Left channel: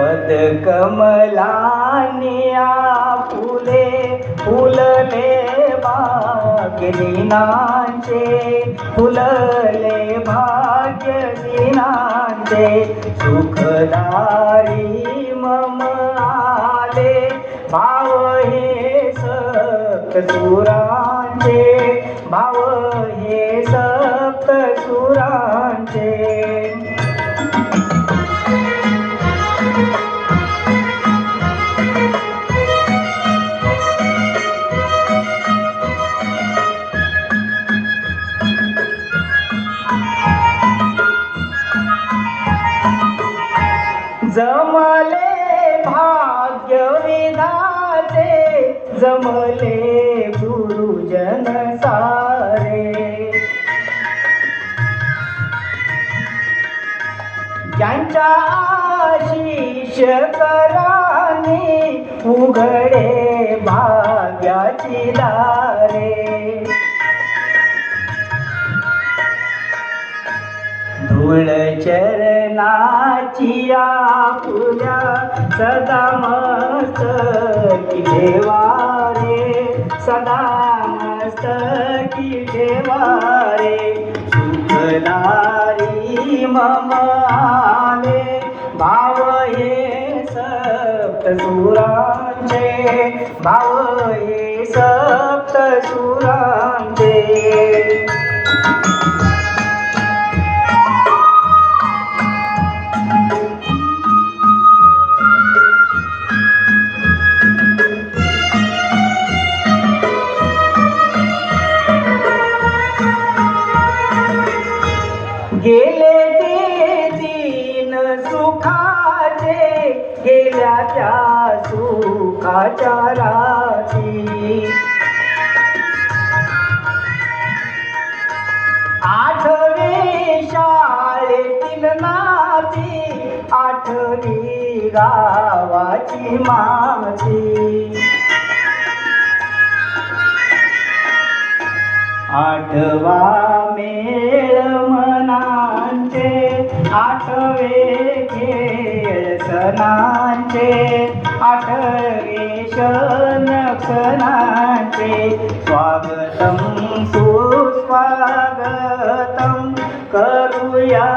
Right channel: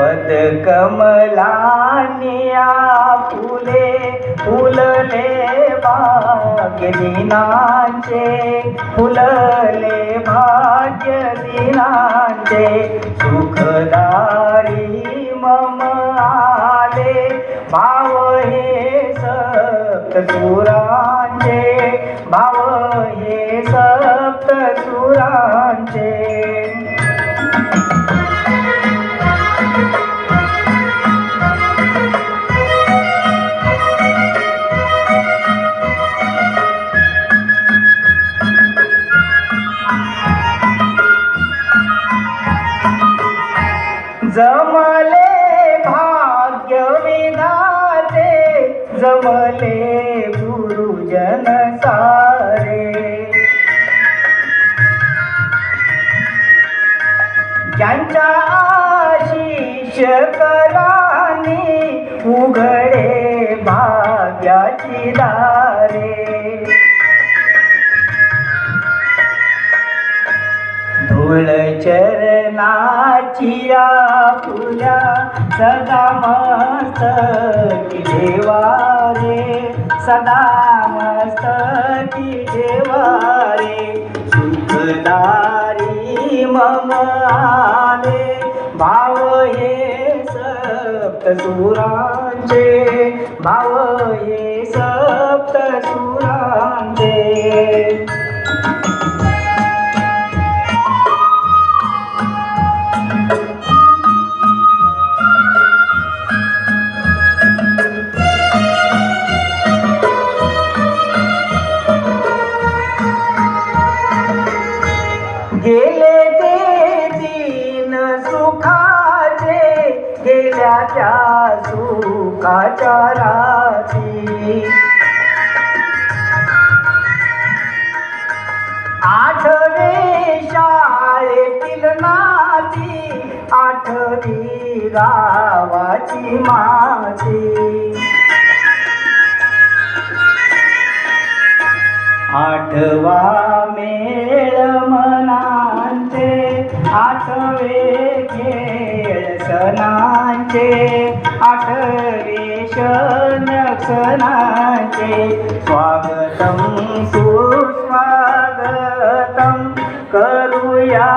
पदकमलानिया फुले फुलले भाग्य दिनांचे, फुलले भाग्य दिनांचे. सुखदारी मम आले भाव हे सप्त सुरांचे, भाव हे सप्त सुरांचे. जमले भाग्य विधाते, जमले गुरुजन सारे. ज्यांच्या आशीष कराने उघडे भाग्याची दारे. धूळ चरणाची आपुल्या सदा मस्तकी ठेवा रे, सदा मस्तकी ठेवा रे. सुखदारी मम आले भाव हे सप्त सुरांचे, भाव हे सप्त सुरांचे. गेले ते दिन सुखाचे, गेल्या त्या सुखाच्या राशी. आठवे शाळेतील नाती, आठवी गावाची माती. आठवा मेळ मनांचे, आठवे खेळ सणांचे, आठवे क्षण क्षणांचे. स्वागतम सुस्वागतम करूया